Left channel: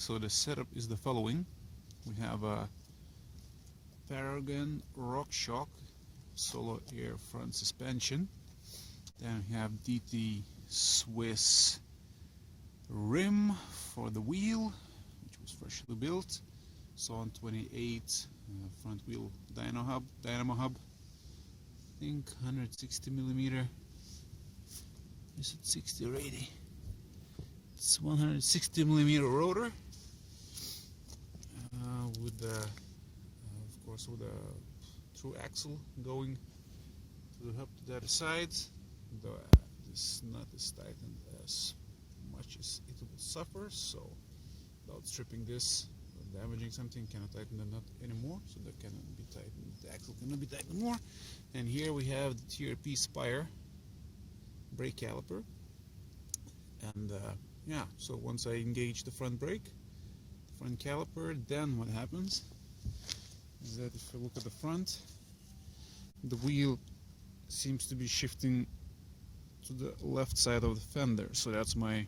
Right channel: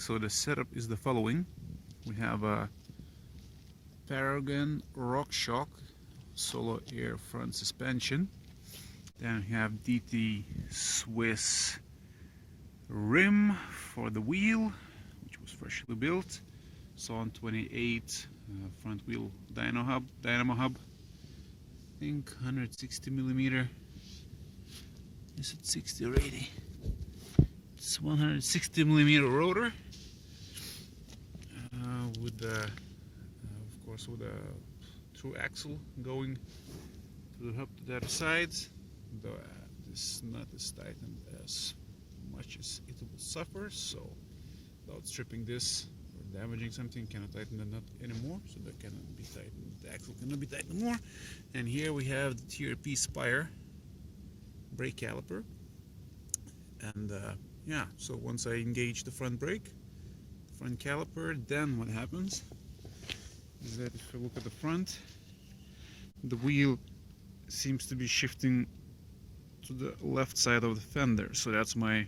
So the setup is the following. We have a Paragon RockShox solo air front suspension. Then we have DT Swiss rim for the wheel, which was freshly built. Sawn 28 front wheel dynamo hub. I think 160 millimeter. Is it 60 or 80? It's 160 millimeter rotor with of course, with a through axle going to the hub to the other side. Though this nut is tightened as much as it will suffer, so without stripping this or damaging something, cannot tighten the nut anymore. So that cannot be tightened. The axle cannot be tightened more. And here we have the TRP Spire brake caliper. And yeah, so once I engage the front brake, the front caliper, then what happens is that if I look at the front, the wheel seems to be shifting to the left side of the fender. So that's my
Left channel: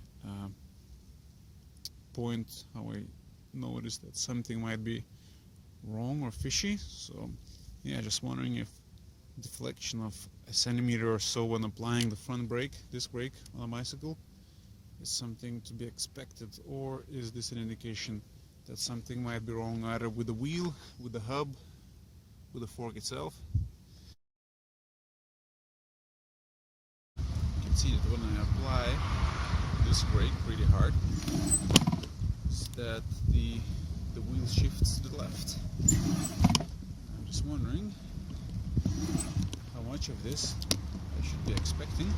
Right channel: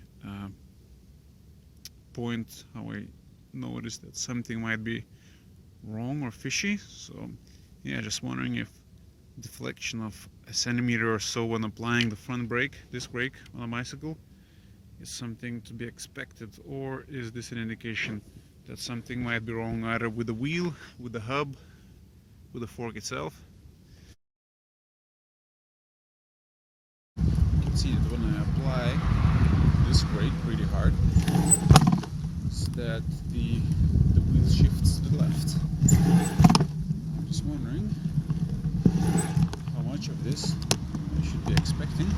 point, how I notice that something might be wrong or fishy. So yeah, just wondering if deflection of a centimeter or so when applying the front brake, disc brake on a bicycle, is something to be expected, or is this an indication that something might be wrong either with the wheel, with the hub, with the fork itself? You can see that when I apply this brake pretty hard, is that the wheel shifts to the left. I'm just wondering how much of this I should be expecting.